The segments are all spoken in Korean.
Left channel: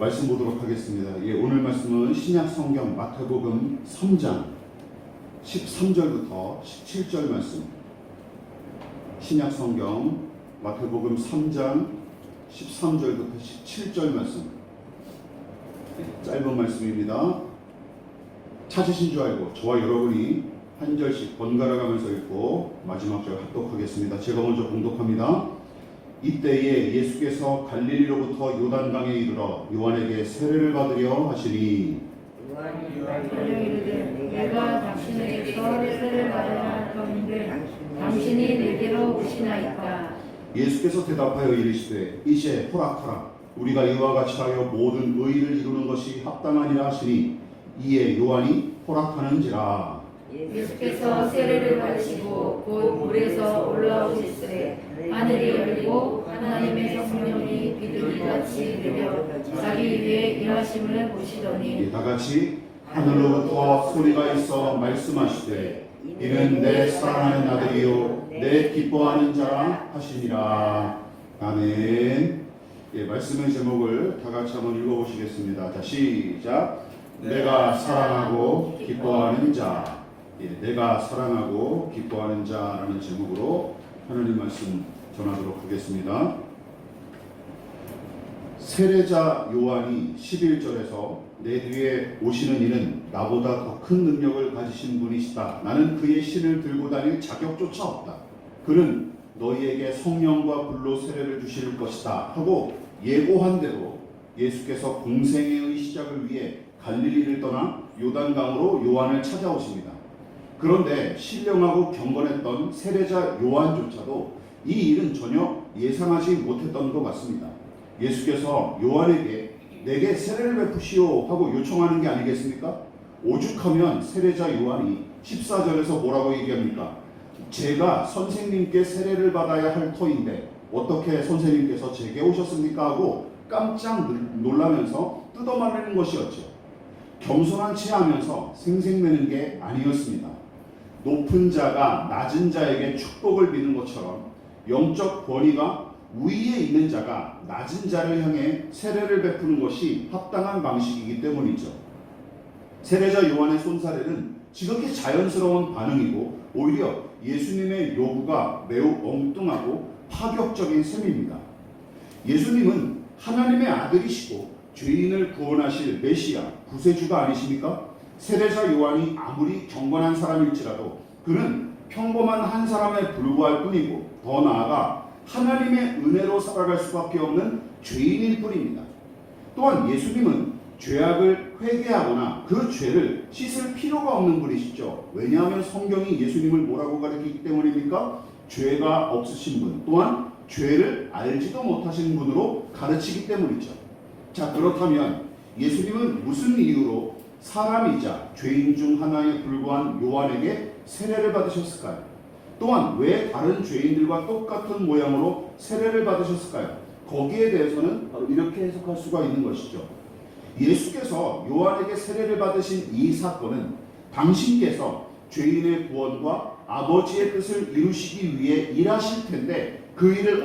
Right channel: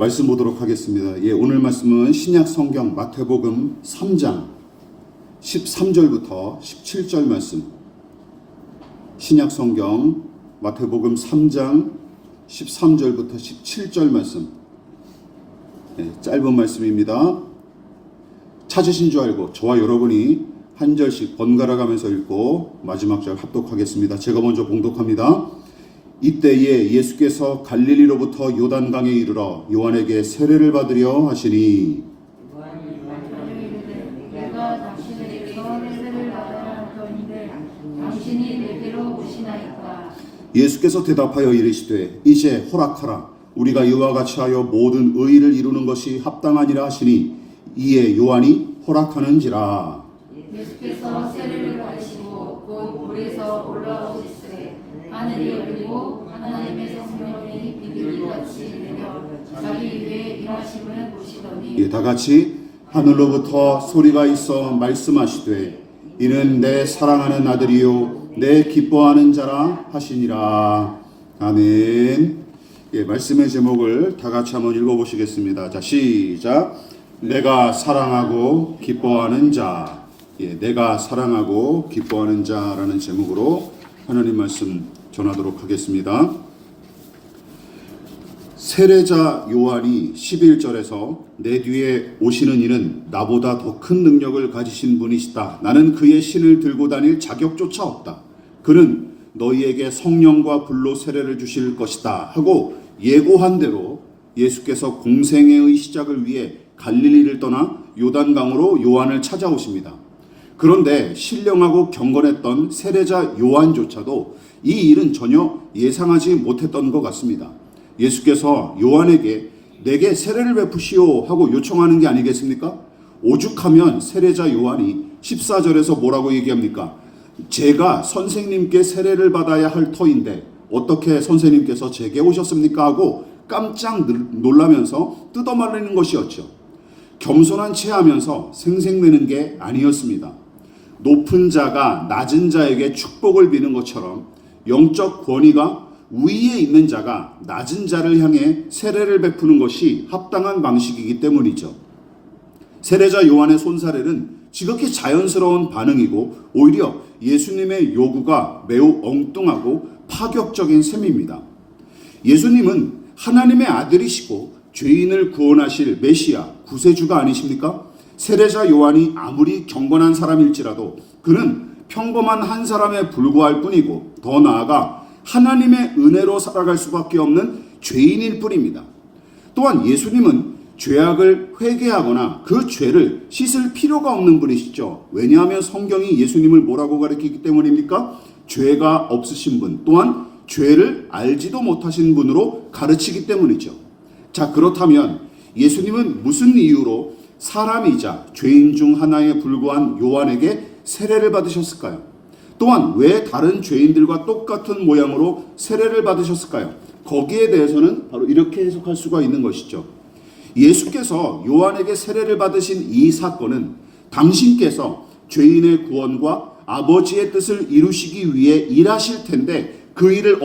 말씀 보도록 하겠습니다. 오늘 말씀은 신약 성경 마태복음 3장 13절부터 17절 말씀. 신약 성경 마태복음 3장 13절부터 17절 말씀. 짧은 말씀입니다. 찾으신 줄 알고 저와 여러분이 한 절씩 번갈아 가면서 읽고 마지막 절 합독하겠습니다. 제가 먼저 봉독합니다. 이때에 예수께서 갈릴리로부터 요단강에 이르러 요한에게 세례를 받으려 하시니 내가 당신에게서 세례를 받아야 하는데 당신이 내게로 오시나이까. 예수께서 대답하여 이르시되 이제 허락하라. 우리가 이와 같이 하여 모든 의의를 이루는 것이 합당하니라 하시니 이에 요한이 허락하는지라. 예수께서 세례를 받으시고 곧 물에서 올라오시되 하늘이 열리고 하나님의 성령이 비둘기같이 내려 자기 위에 임하심을 보시더니 다 같이 하늘로부터 소리가 있어 말씀하시되 이는 내 사랑하는 아들이요 내 기뻐하는 자라 하시니라. 아멘. 말씀의 제목을 다 같이 한번 읽어보시겠습니다. 자, 시작. 내가 사랑하고 기뻐하는 자. 내가 사랑하고 기뻐하는 자라는 제목으로 하나님 말씀 전하도록 하겠습니다. 세례자 요한이 11절에서 내 뒤에 오시는 이는 나보다 더 큰 능력을 가지신 분이시다. 나는 그의 신을 들고 다닐 자격조차 없다. 그는 너희에게 성령과 불로 세례를 주실 것이다 하고 예고한 대로 예수께서 공생애의 시작을 위해 갈릴리를 떠나 요단강으로 요한을 찾아오십니다. 그런데 신령하고 경건했던 세례자 요한조차도 이 일은 전혀 예상하지 못했던 것 같습니다. 예수께서 요한에게 내게 세례를 베푸시오 하고 요청하는 게 아니겠습니까? 오죽하면 세례자 요한이 14절에서 뭐라고 얘기합니까? 제가 선생님께 세례를 받아야 할 터인데 어떻게 선생님께서 제게 오셨습니까? 하고 깜짝 놀라면서 뜯어말리는 것이었죠. 겸손한 채 하면서 생색내는 게 아니었습니다. 높은 자가 낮은 자에게 축복을 비는 것처럼 영적 권위가 위에 있는 자가 낮은 자를 향해 세례를 베푸는 것이 합당한 방식이기 때문이죠. 세례자 요한의 손사래는 지극히 자연스러운 반응이고 오히려 예수님의 요구가 매우 엉뚱하고 파격적인 셈입니다. 예수님은 하나님의 아들이시고 죄인을 구원하실 메시아, 구세주가 아니십니까? 세례자 요한이 아무리 경건한 사람일지라도 그는 평범한 한 사람에 불과할 뿐이고 더 나아가 하나님의 은혜로 살아갈 수밖에 없는 죄인일 뿐입니다. 또한 예수님은 죄악을 회개하거나 그 죄를 씻을 필요가 없는 분이시죠. 왜냐하면 성경이 예수님을 뭐라고 가르치기 때문입니까? 죄가 없으신 분, 또한 죄를 알지도 못하신 분으로 가르치기 때문이죠. 자, 그렇다면 예수님은 무슨 이유로 사람이자 죄인 중 하나에 불과한 요한에게 세례를 받으셨을까요? 또한 왜 다른 죄인들과 똑같은 모양으로 세례를 받으셨을까요? 거기에 대해서는 바로 이렇게 해석할 수가 있는 것이죠. 예수께서 요한에게 세례를 받으신 이 사건은 당신께서 죄인의 구원과 아버지의 뜻을 이루시기 위해 일하실 텐데 그 일을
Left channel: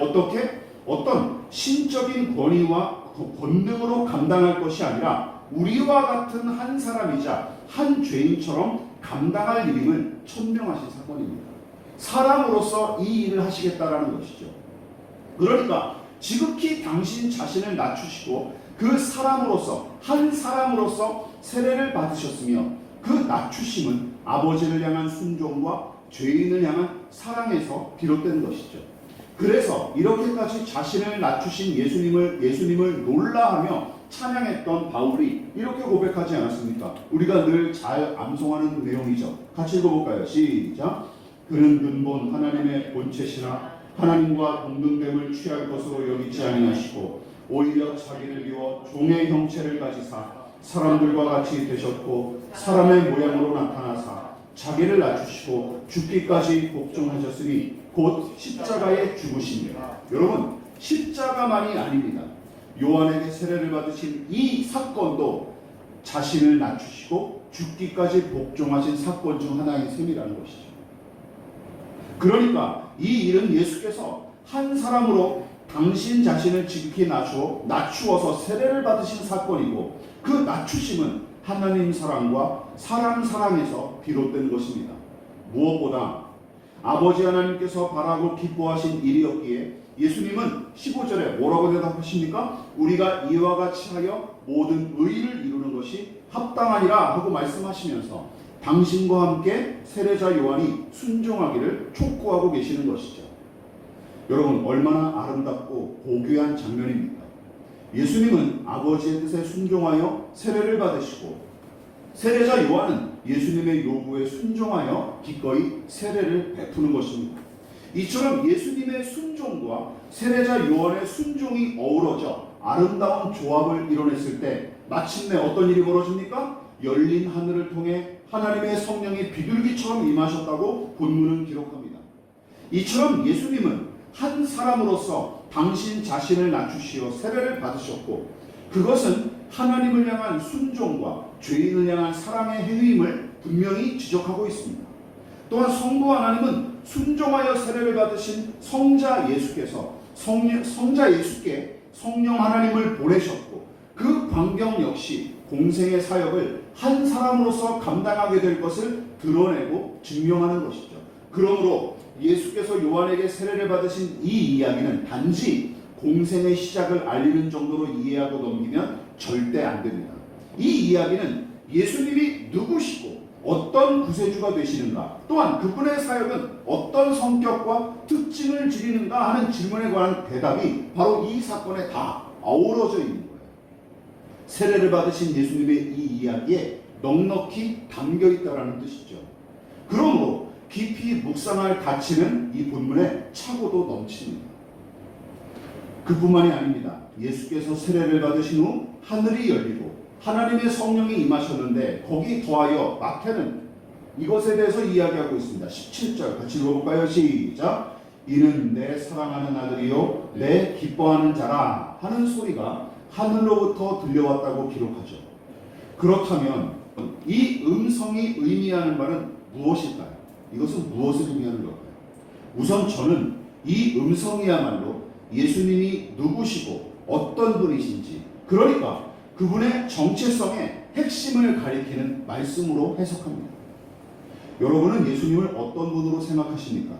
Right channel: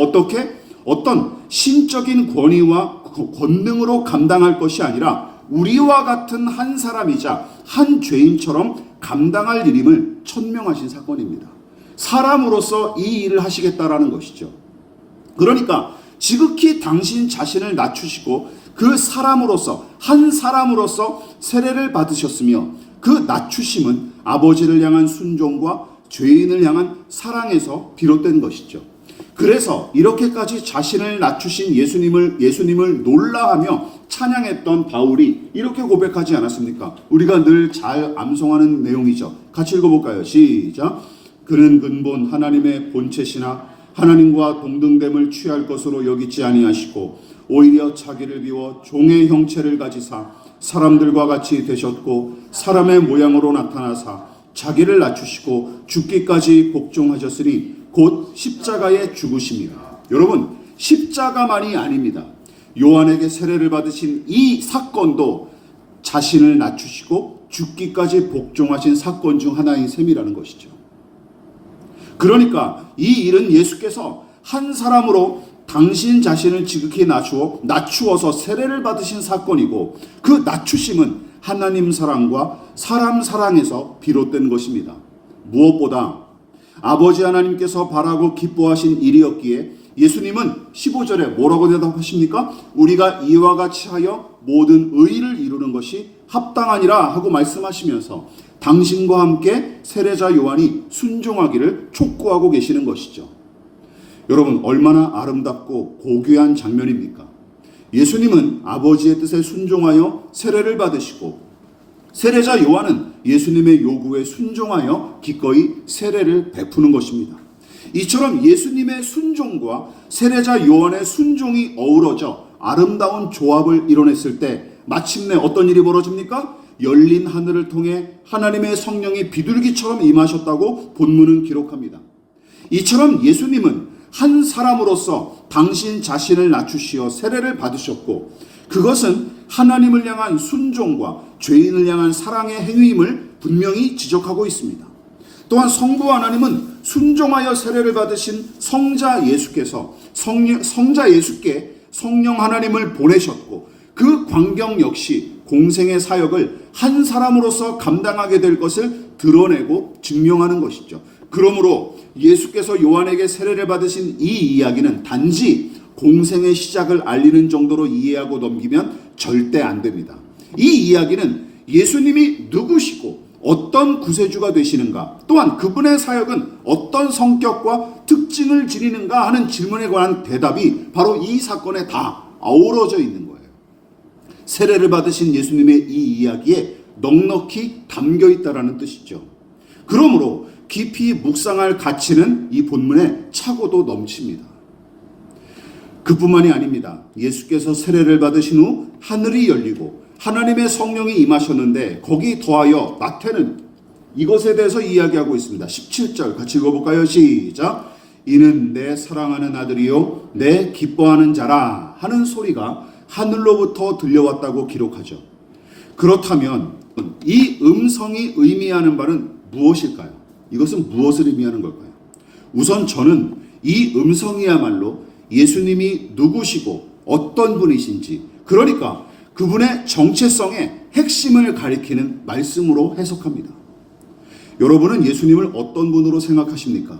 어떤 신적인 권위와 권능으로 감당할 것이 아니라 우리와 같은 한 사람이자 한 죄인처럼 감당할 일임을 천명하신 사건입니다. 사람으로서 이 일을 하시겠다라는 것이죠. 그러니까 지극히 당신 자신을 낮추시고 그 사람으로서 한 사람으로서 세례를 받으셨으며 그 낮추심은 아버지를 향한 순종과 죄인을 향한 사랑에서 비롯된 것이죠. 그래서 이렇게까지 자신을 낮추신 예수님을 놀라하며 찬양했던 바울이 이렇게 고백하지 않았습니까? 우리가 늘 잘 암송하는 내용이죠. 같이 읽어볼까요? 시작. 그는 근본 하나님의 본체시나 하나님과 동등됨을 취할 것으로 여기지 아니하시고 오히려 자기를 비워 종의 형체를 가지사 사람들과 같이 되셨고 사람의 모양으로 나타나사 자기를 낮추시고 죽기까지 복종하셨으니 곧 십자가에 죽으심이라. 여러분, 십자가만이 아닙니다. 요한에게 세례를 받으신 이 사건도 자신을 낮추시고 죽기까지 복종하신 사건 중 하나인 셈이라는 것이죠. 그러니까 이 일은 예수께서 한 사람으로 당신 자신을 지극히 낮추어서 세례를 받으신 사건이고, 그 낮추심은 하나님 사랑과 사람 사랑에서 비롯된 것입니다. 무엇보다 아버지 하나님께서 바라고 기뻐하신 일이었기에 예수님은 15절에 뭐라고 대답하십니까? 우리가 이와 같이 하여 모든 의를 이루는 것이 합당하니라 하고 말씀하시면서 당신과 함께 세례자 요한이 순종하기를 촉구하고 계시는 것이죠. 여러분, 얼마나 아름답고 고귀한 장면입니까? 예수님은 아버지의 뜻에 순종하여 세례를 받으시고, 세례자 요한은 예수님의 요구에 순종하여 기꺼이 세례를 베푸는 것입니다. 이처럼 예수님의 순종과 세례자 요한의 순종이 어우러져 아름다운 조합을 이뤄냈을 때 마침내 어떤 일이 벌어집니까? 열린 하늘을 통해 하나님의 성령이 비둘기처럼 임하셨다고 본문은 기록합니다. 이처럼 예수님은 한 사람으로서 당신 자신을 낮추시어 세례를 받으셨고, 그것은 하나님을 향한 순종과 죄인을 향한 사랑의 행위임을 분명히 지적하고 있습니다. 또한 성부 하나님은 순종하여 세례를 받으신 성자 예수께 성령 하나님을 보내셨고, 그 광경 역시 공생의 사역을 한 사람으로서 감당하게 될 것을 드러내고 증명하는 것이죠. 그러므로 예수께서 요한에게 세례를 받으신 이 이야기는 단지 공생의 시작을 알리는 정도로 이해하고 넘기면 절대 안 됩니다. 이 이야기는 예수님이 누구시고 어떤 구세주가 되시는가, 또한 그분의 사역은 어떤 성격과 특징을 지니는가 하는 질문에 관한 대답이 바로 이 사건에 다 아우러져 있는 거예요. 세례를 받으신 예수님의 이 이야기에 넉넉히 담겨 있다라는 뜻이죠. 그러므로 깊이 묵상할 가치는 이 본문에 차고도 넘칩니다. 그뿐만이 아닙니다. 예수께서 세례를 받으신 후 하늘이 열리고 하나님의 성령이 임하셨는데, 거기 더하여 마태는 이것에 대해서 이야기하고 있습니다. 17절 같이 읽어볼까요? 시작. 이는 내 사랑하는 아들이요 내 기뻐하는 자라 하는 소리가 하늘로부터 들려왔다고 기록하죠. 그렇다면 이 음성이 의미하는 바는 무엇일까요? 이것은 무엇을 의미하는 걸까요? 우선 저는 이 음성이야말로 예수님이 누구시고 어떤 분이신지, 그러니까 그분의 정체성의 핵심을 가리키는 말씀으로 해석합니다. 여러분은 예수님을 어떤 분으로 생각하십니까?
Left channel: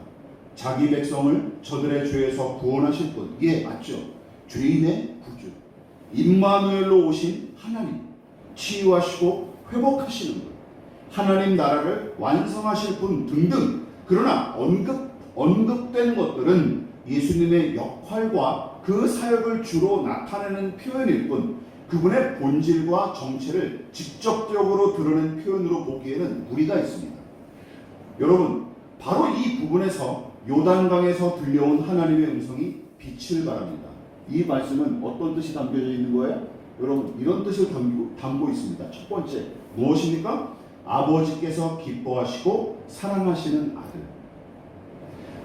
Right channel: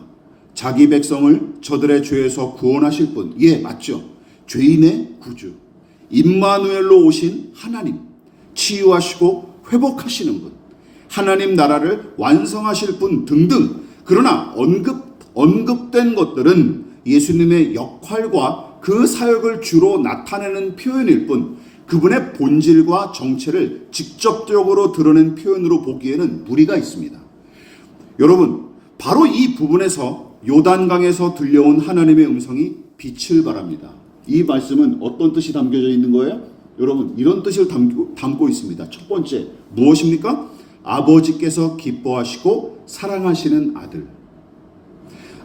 자기 백성을 저들의 죄에서 구원하실 분, 예, 맞죠. 죄인의 구주, 임마누엘로 오신 하나님, 치유하시고 회복하시는 분, 하나님 나라를 완성하실 분 등등. 그러나 언급된 것들은 예수님의 역할과 그 사역을 주로 나타내는 표현일 뿐, 그분의 본질과 정체를 직접적으로 드러낸 표현으로 보기에는 무리가 있습니다. 여러분, 바로 이 부분에서 요단강에서 들려온 하나님의 음성이 빛을 발합니다. 이 말씀은 어떤 뜻이 담겨져 있는 거예요? 여러분, 이런 뜻을 담고 있습니다. 첫 번째, 무엇입니까? 아버지께서 기뻐하시고 사랑하시는 아들.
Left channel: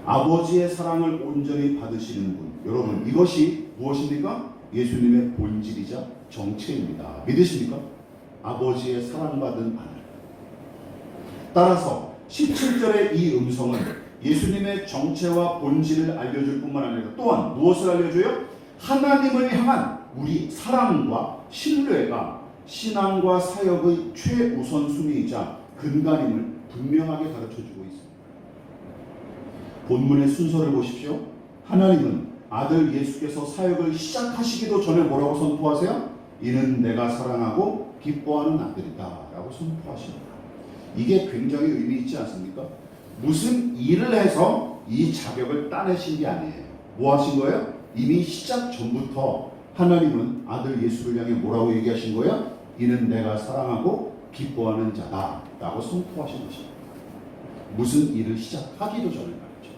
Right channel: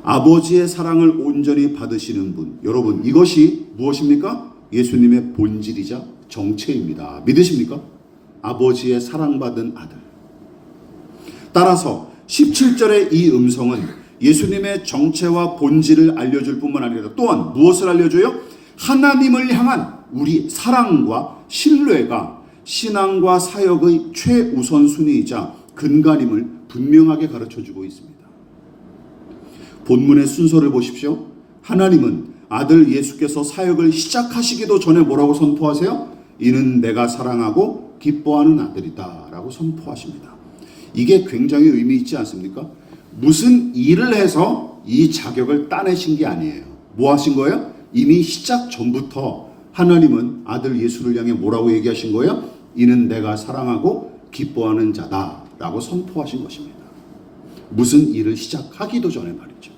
아버지의 사랑을 온전히 받으시는 분. 여러분, 이것이 무엇입니까? 예수님의 본질이자 정체입니다. 믿으십니까? 아버지의 사랑받은 아들. 따라서 17절의 이 음성은 예수님의 정체와 본질을 알려줄 뿐만 아니라 또한 무엇을 알려줘요? 하나님을 향한 우리 사랑과 신뢰가 신앙과 사역의 최우선순위이자 근간임을 분명하게 가르쳐주고 있습니다. 본문의 순서를 보십시오. 하나님은 아들 예수께서 사역을 시작하시기도 전에 뭐라고 선포하세요? 이는 내가 사랑하고 기뻐하는 아들이다 라고 선포하십니다. 이게 굉장히 의미 있지 않습니까? 무슨 일을 해서 이 자격을 따내신 게 아니에요. 뭐 하신 거예요? 이미 시작 전부터 하나님은 아들 예수를 향해 뭐라고 얘기하신 거예요? 이는 내가 사랑하고 기뻐하는 자다 라고 선포하신 것입니다. 무슨 일을 시작하기도 전에 말이죠.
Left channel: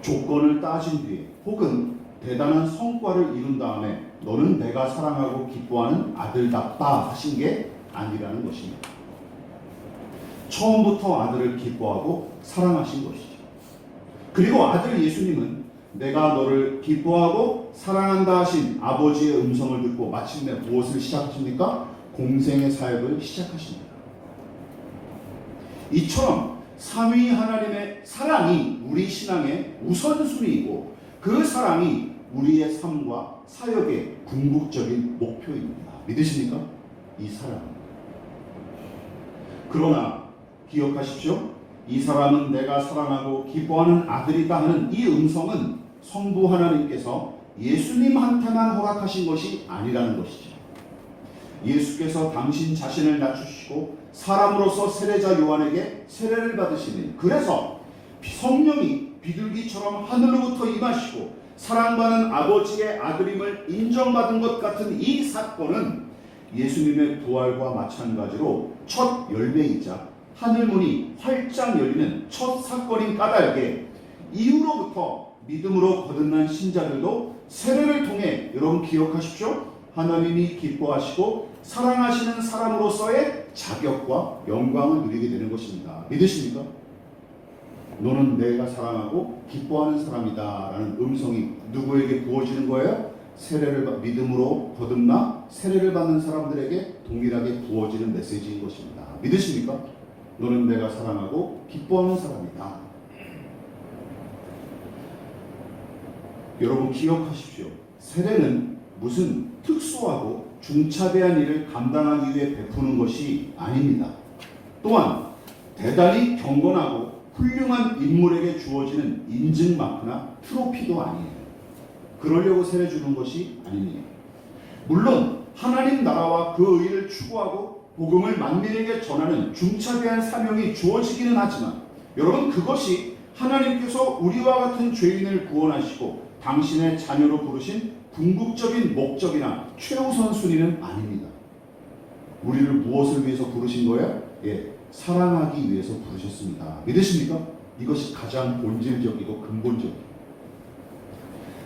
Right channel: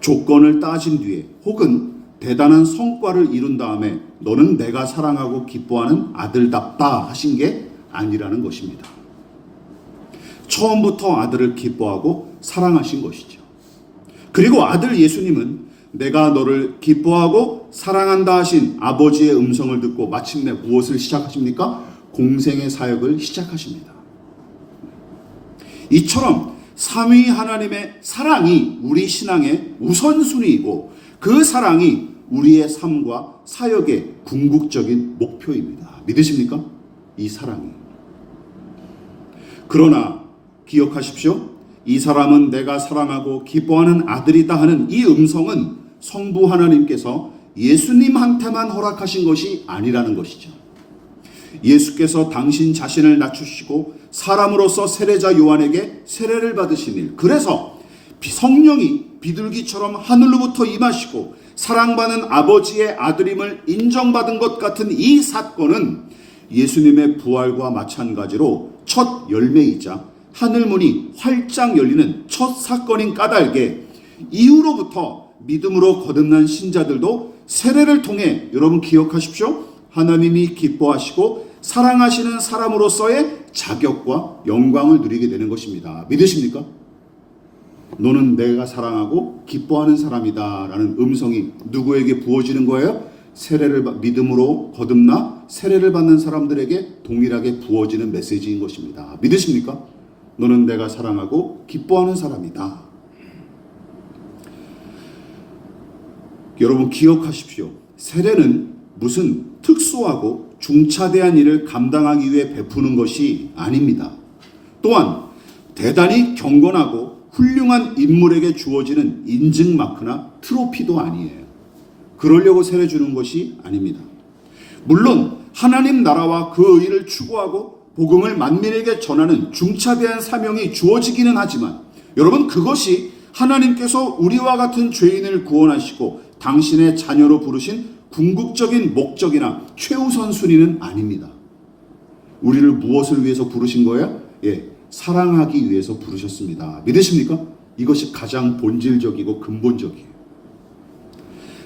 조건을 따진 뒤에 혹은 대단한 성과를 이룬 다음에 너는 내가 사랑하고 기뻐하는 아들답다 하신 게 아니라는 것입니다. 처음부터 아들을 기뻐하고 사랑하신 것이죠. 그리고 아들 예수님은 내가 너를 기뻐하고 사랑한다 하신 아버지의 음성을 듣고 마침내 무엇을 시작하십니까? 공생의 사역을 시작하십니다. 이처럼 삼위 하나님의 사랑이 우리 신앙의 우선순위이고 그 사랑이 우리의 삶과 사역의 궁극적인 목표입니다. 믿으십니까? 이 사랑이. 그러나 기억하십시오. 이 사람은 내가 사랑하고 기뻐하는 아들이다 하는 이 음성은 성부 하나님께서 예수님한테만 허락하신 것이 아니라는 것이죠. 예수께서 당신 자신을 낮추시고 사람으로서 세례자 요한에게 세례를 받으신 일, 그래서 성령이 비둘기처럼 하늘로부터 임하시고 사랑받는 아버지의 아들임을 인정받은 것 같은 이 사건은 예수님의 부활과 마찬가지로 첫 열매이자 하늘문이 활짝 열리는 첫 사건인 까닭에 이후로부터 믿음으로 거듭난 신자들도 세례를 통해, 여러분 기억하십시오, 하나님이 기뻐하시고 사랑하시는 사람으로서의 자격과 영광을 누리게 되는 것입니다. 믿으십니까? 너는 내가 사랑하고 기뻐하는 사람이다 라는 음성이 누구에게 부어지는 거예요? 믿음으로 거듭나 세례를 받는 사람들에게 동일하게 부어지는 메시지인 것입니다. 믿으십니까? 너는 내가 사랑하고 기뻐하는 사람이다. 여러분 기억하십시오. 세례는 무슨 특수하고 중차대한 일을 감당하기 위해 베푸는 것이 아닙니다. 또한 대단히 경건하고 훌륭한 인물에게 주어지는 인증 마크나 트로피도 아니에요. 그러려고 세례 주는 것이 아닙니다. 물론 하나님 나라와 그 의를 추구하고 복음을 만민에게 전하는 중차대한 사명이 주어지기는 하지만, 여러분 그것이 하나님께서 우리와 같은 죄인을 구원하시고 당신의 자녀로 부르신 궁극적인 목적이나 최우선 순위는 아닙니다. 우리를 무엇을 위해서 부르신 거예요? 사랑하기 위해서 부르셨습니다. 믿으십니까? 이것이 가장 본질적이고 근본적이에요.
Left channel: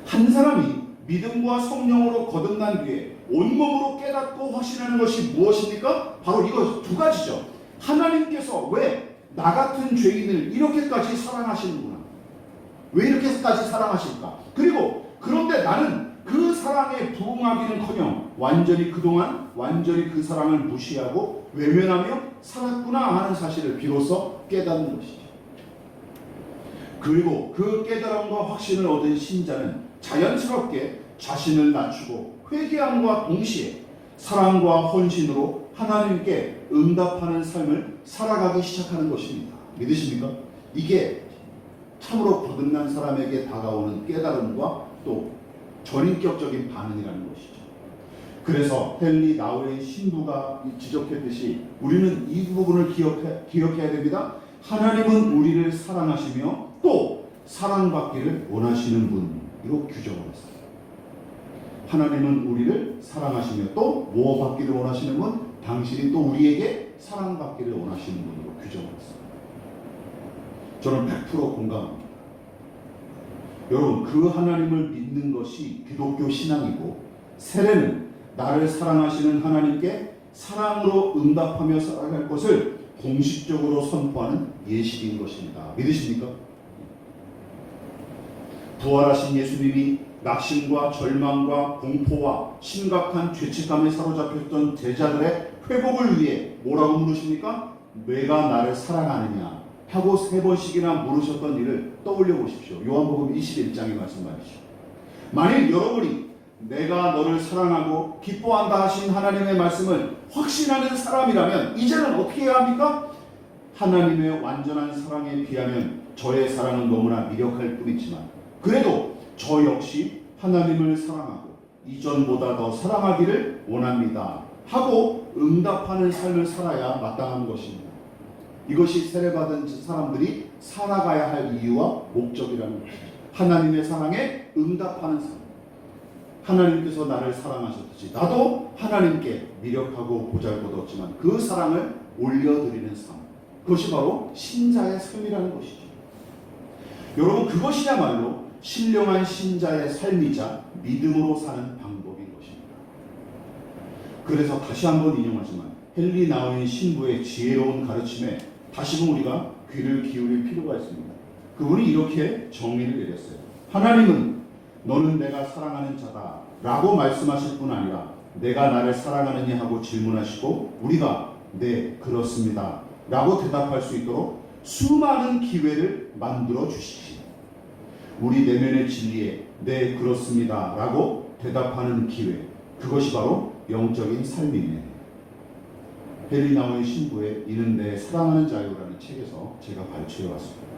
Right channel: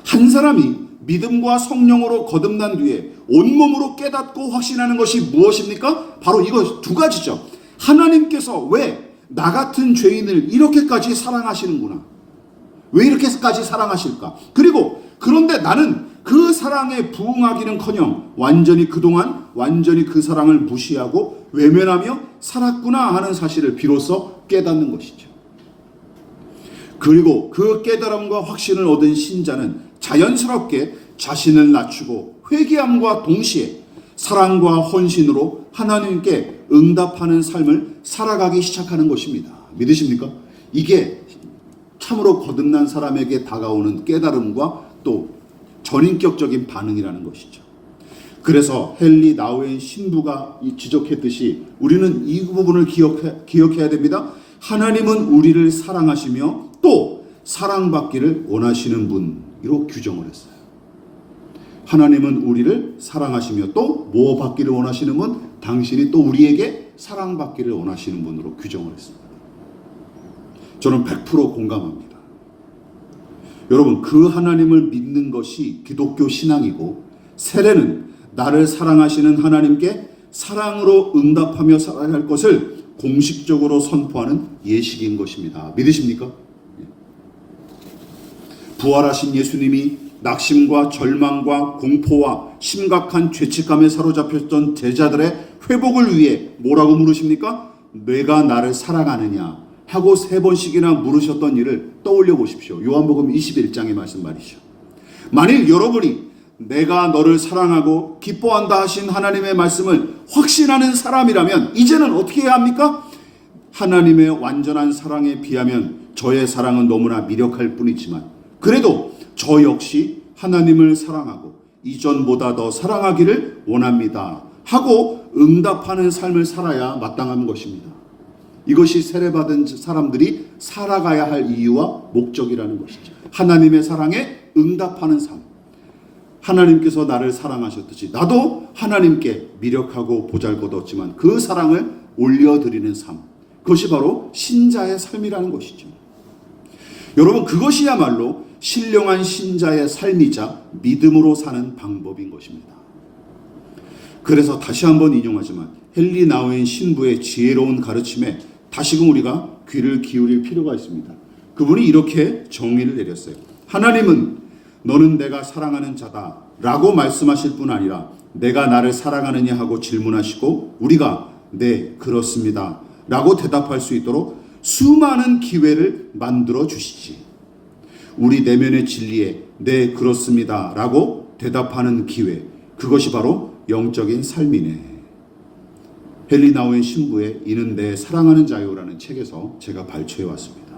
한 사람이 믿음과 성령으로 거듭난 뒤에 온몸으로 깨닫고 확신하는 것이 무엇입니까? 바로 이거 두 가지죠. 하나님께서 왜 나 같은 죄인을 이렇게까지 사랑하시는구나. 왜 이렇게까지 사랑하실까? 그리고 그런데 나는 그 사랑에 부응하기는커녕 그동안 완전히 그 사랑을 무시하고 외면하며 살았구나 하는 사실을 비로소 깨닫는 것이죠. 그리고 그 깨달음과 확신을 얻은 신자는 자연스럽게 자신을 낮추고 회개함과 동시에 사랑과 헌신으로 하나님께 응답하는 삶을 살아가기 시작하는 것입니다. 믿으십니까? 이게 참으로 거듭난 사람에게 다가오는 깨달음과 또 전인격적인 반응이라는 것이죠. 그래서 헨리 나우의 신부가 지적했듯이 우리는 이 부분을 기억해야 됩니다. 하나님은 우리를 사랑하시며 또 사랑받기를 원하시는 분으로 규정을 했어요. 하나님은 우리를 사랑하시며 또 뭐 받기를 원하시는 분? 당신이 또 우리에게 사랑받기를 원하시는 분으로 규정을 했습니다. 저는 100% 공감합니다. 여러분 그 하나님을 믿는 것이 기독교 신앙이고, 세례는 나를 사랑하시는 하나님께 사랑으로 응답하며 살아갈 것을 공식적으로 선포하는 예식인 것입니다. 믿으십니까? 부활하신 예수님이 낙심과 절망과 공포와 심각한 죄책감에 사로잡혔던 제자들의 회복을 위해 뭐라고 물으십니까? 내가 나를 사랑하느냐 하고 3번씩이나 물으셨던 일을 떠올려 보십시오. 요한복음 21장의 말씀 말이죠. 만일 여러분이 내가 너를 사랑하고 기뻐한다 하신 하나님의 말씀을 확신하는 사람이라면 이제는 어떻게 해야 합니까? 하나님의 완전한 사랑에 비하면 저의 사랑은 너무나 미력할 뿐이지만 그래도 저 역시 하나님을 사랑하고 이전보다 더 사랑하기를 원합니다 하고 응답하는 삶을 살아야 마땅한 것입니다. 이것이 세례받은 사람들이 살아가야 할 이유와 목적이라는 것이죠. 하나님의 사랑에 응답하는 삶. 하나님께서 나를 사랑하셨듯이 나도 하나님께 미력하고 보잘것없지만 그 사랑을 올려드리는 삶. 그것이 바로 신자의 삶이라는 것이죠. 여러분 그것이야말로 신령한 신자의 삶이자 믿음으로 사는 방법인 것입니다. 그래서 다시 한번 인용하지만 헨리 나우인 신부의 지혜로운 가르침에 다시금 우리가 귀를 기울일 필요가 있습니다. 그분이 이렇게 정의를 내렸어요. 하나님은 너는 내가 사랑하는 자다 라고 말씀하실 뿐 아니라 내가 나를 사랑하느냐 하고 질문하시고 우리가 네 그렇습니다 라고 대답할 수 있도록 수많은 기회를 만들어 주시지. 우리 내면의 진리에 네 그렇습니다 라고 대답하는 기회, 그것이 바로 영적인 삶이네. 헨리 나우의 신부의 이는 내 사랑하는 자요라는 책에서 제가 발췌해 왔습니다.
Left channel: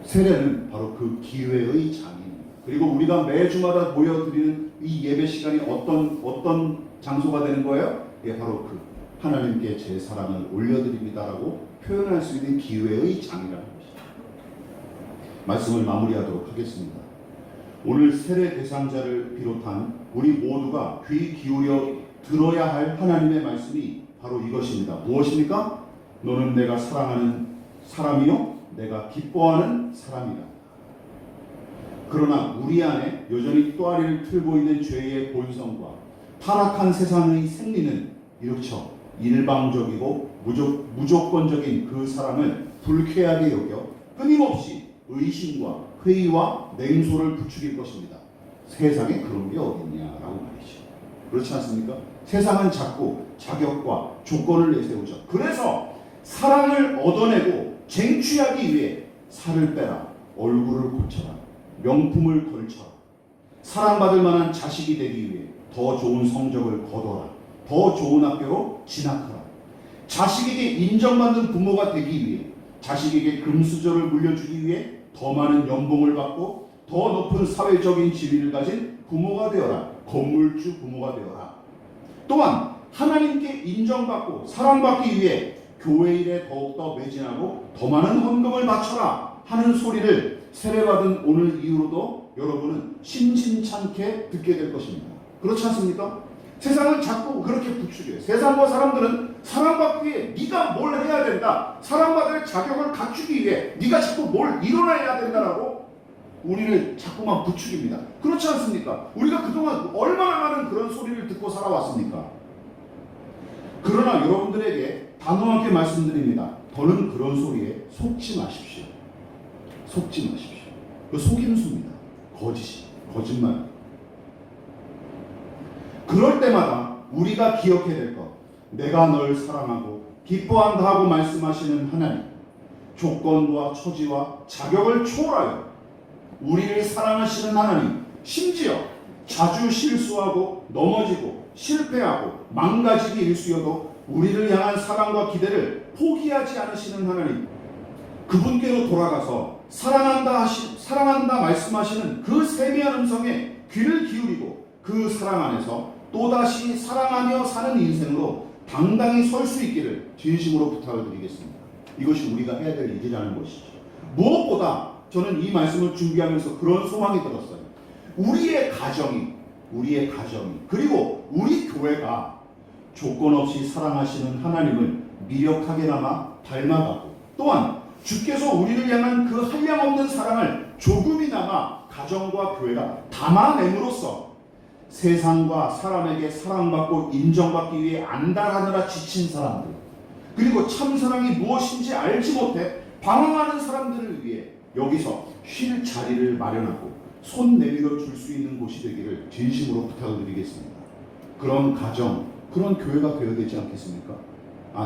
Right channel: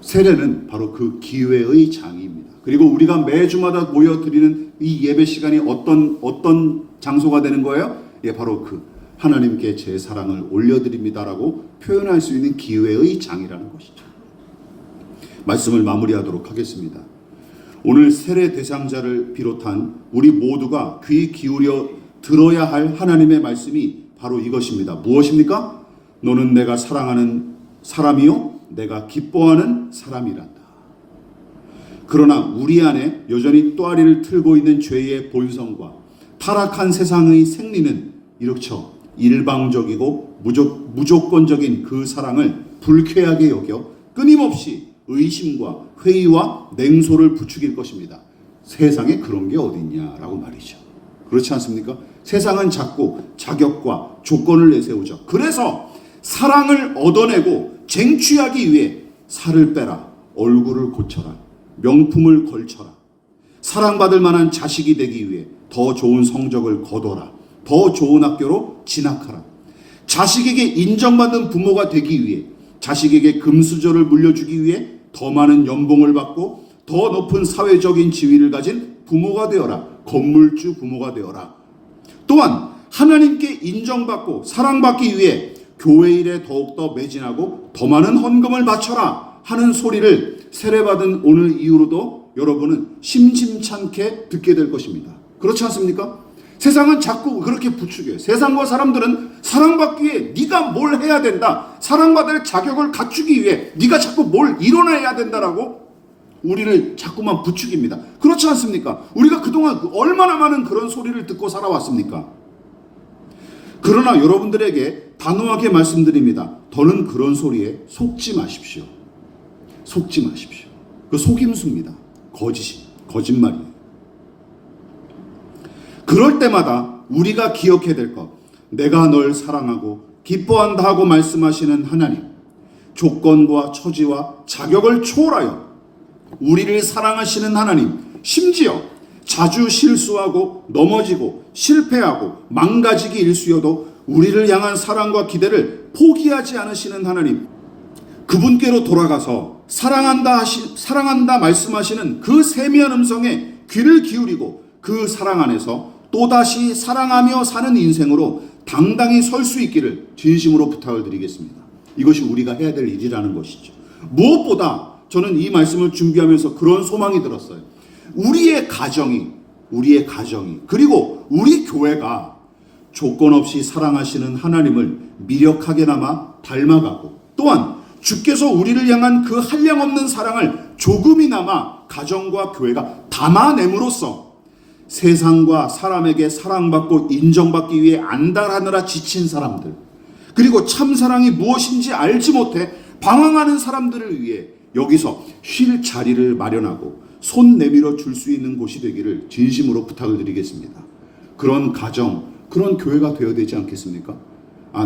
세례는 바로 그 기회의 장입니다. 그리고 우리가 매주마다 모여드리는 이 예배 시간이 어떤 장소가 되는 거예요? 예, 바로 그 하나님께 제 사랑을 올려드립니다라고 표현할 수 있는 기회의 장이라는 것이죠. 말씀을 마무리하도록 하겠습니다. 오늘 세례 대상자를 비롯한 우리 모두가 귀 기울여 들어야 할 하나님의 말씀이 바로 이것입니다. 무엇입니까? 너는 내가 사랑하는 사람이요 내가 기뻐하는 사람이란다. 그러나 우리 안에 여전히 또아리를 틀고 있는 죄의 본성과 타락한 세상의 생리는 이렇죠. 일방적이고 무조건적인 그 사랑을 불쾌하게 여겨 끊임없이 의심과 회의와 냉소를 부추길 것입니다. 세상에 그런 게 어딨냐라고 말이죠. 그렇지 않습니까? 세상은 자꾸 자격과 조건을 내세우죠. 그래서 사랑을 얻어내고 쟁취하기 위해 살을 빼라, 얼굴을 고쳐라, 명품을 걸쳐라, 사랑받을 만한 자식이 되기 위해 더 좋은 성적을 거둬라, 더 좋은 학교로 진학하라, 자식에게 인정받는 부모가 되기 위해, 자식에게 금수저를 물려주기 위해 더 많은 연봉을 받고 더 높은 사회적인 지위를 가진 부모가 되어라, 건물주 부모가 되어라. 또한 하나님께 인정받고 사랑받기 위해 교회 일에 더욱더 매진하고 더 많은 헌금을 바쳐라 하는 소리를 세례받은 오늘 이후로도 여러분은 심심찮게 듣게 될 것입니다. 그렇지 않습니까? 세상은 자꾸 그렇게 부추겨요. 세상과 사람들은 사랑받기 위해 네가 뭘 해야 된다, 사랑받을 자격을 갖추기 위해 네가 자꾸 뭘 이뤄내야 된다라고 우리를 자꾸만 부추깁니다. 그렇지 않습니까? 우리가 그동안 얼마나 많은 그런 소리를 듣고 살아왔습니까? 그러나 여러분들에게 단호하게 말씀드립니다. 더는 그런 소리에 속지 마십시오. 속지 마십시오. 그 속임수입니다. 거짓말이에요. 그럴 때마다 우리가 기억해야 될 것, 내가 널 사랑하고 기뻐한다 하고 말씀하시는 하나님, 조건과 처지와 자격을 초월하여 우리를 사랑하시는 하나님, 심지어 자주 실수하고 넘어지고 실패하고 망가지기 일쑤여도 우리를 향한 사랑과 기대를 포기하지 않으시는 하나님, 그분께로 돌아가서 사랑한다 말씀하시는 그 세미한 음성에 귀를 기울이고 그 사랑 안에서 또다시 사랑하며 사는 인생으로 당당히 설 수 있기를 진심으로 부탁을 드리겠습니다. 이것이 우리가 해야 될 일이라는 것이죠. 무엇보다 저는 이 말씀을 준비하면서 그런 소망이 들었어요. 우리의 가정이 그리고 우리 교회가 조건 없이 사랑하시는 하나님을 미력하게나마 닮아가고, 또한 주께서 우리를 향한 그 한량없는 사랑을 조금이나마 가정과 교회가 담아냄으로써 세상과 사람에게 사랑받고 인정받기 위해 안달하느라 지친 사람들, 그리고 참사랑이 무엇인지 알지 못해 방황하는 사람들을 위해 여기서 쉴 자리를 마련하고 손 내밀어 줄 수 있는 곳이 되기를 진심으로 부탁을 드리겠습니다. 그런 가정, 그런 교회가 되어야 되지 않겠습니까?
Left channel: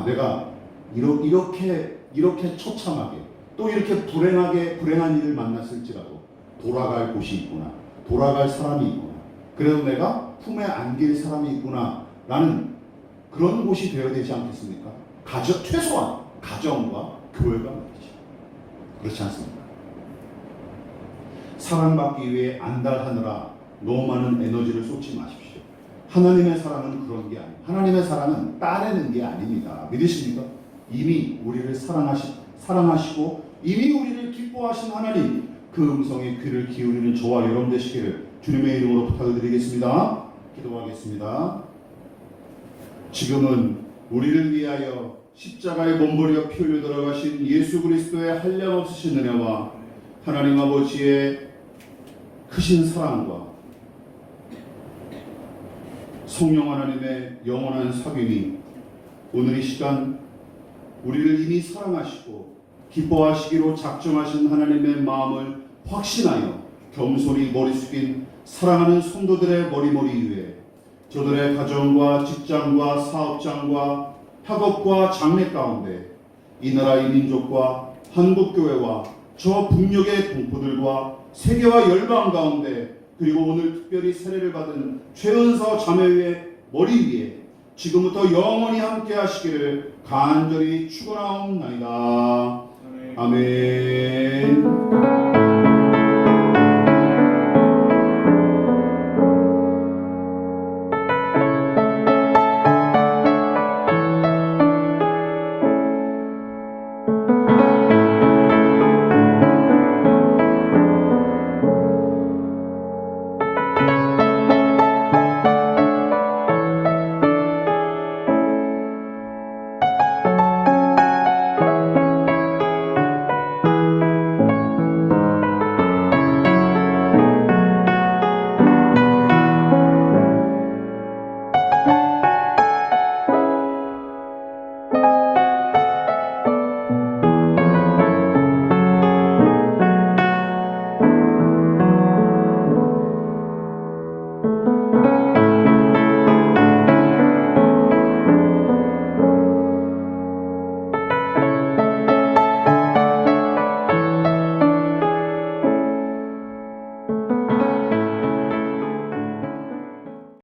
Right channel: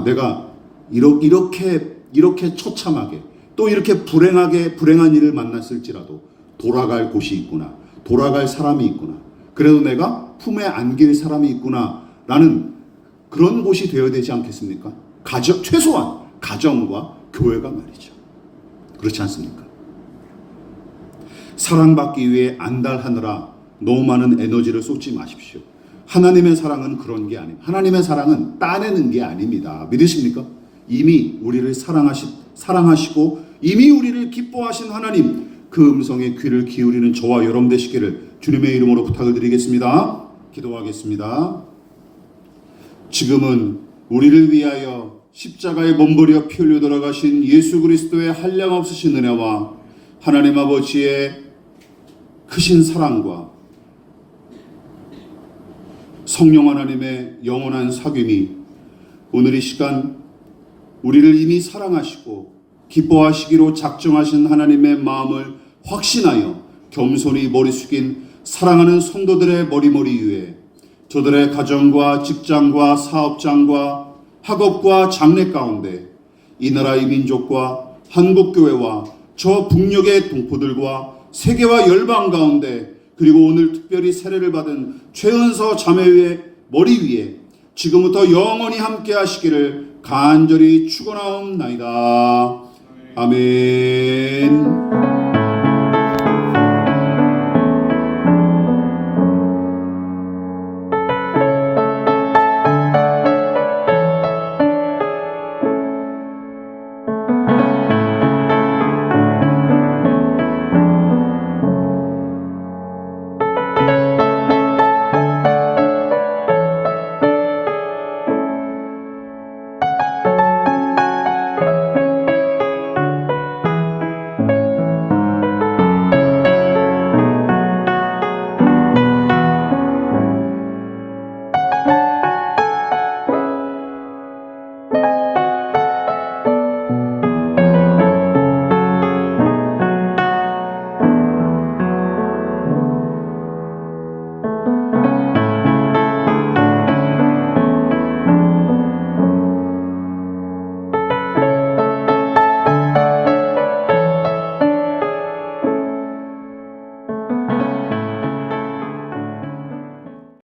내가 이렇게 처참하게 또 이렇게 불행한 일을 만났을지라도 돌아갈 곳이 있구나, 돌아갈 사람이 있구나, 그래도 내가 품에 안길 사람이 있구나 라는 그런 곳이 되어야 되지 않겠습니까? 최소한 가정과 교회가 말이죠. 그렇지 않습니까? 사랑받기 위해 안달하느라 너무 많은 에너지를 쏟지 마십시오. 하나님의 사랑은 그런 게 아닙니다. 하나님의 사랑은 따내는 게 아닙니다. 믿으십니까? 이미 우리를 사랑하시고 이미 우리를 기뻐하신 하나님, 그 음성에 귀를 기울이는 저와 여러분 되시기를 주님의 이름으로 부탁을 드리겠습니다. 기도하겠습니다. 지금은 우리를 위하여 십자가에 몸버려 피 흘려 돌아가신 예수 그리스도의 한량없으신 은혜와 하나님 아버지의 크신 사랑과 성령 하나님의 영원한 사귐이 오늘 이 시간 우리를 이미 사랑하시고 기뻐하시기로 작정하신 하나님의 마음을 확신하여 겸손히 머리 숙인 사랑하는 성도들의 머리머리 위에 저들의 가정과 직장과 사업장과 학업과 장래 가운데 이 나라의 민족과 한국교회와 저 북녘의 동포들과 세계와 열방 가운데 그리고 오늘 특별히 세례를 받은 최은서 자매의 머리 위에 지금부터 영원히 함께 하시기를 간절히 축원하옵나이다. 아멘.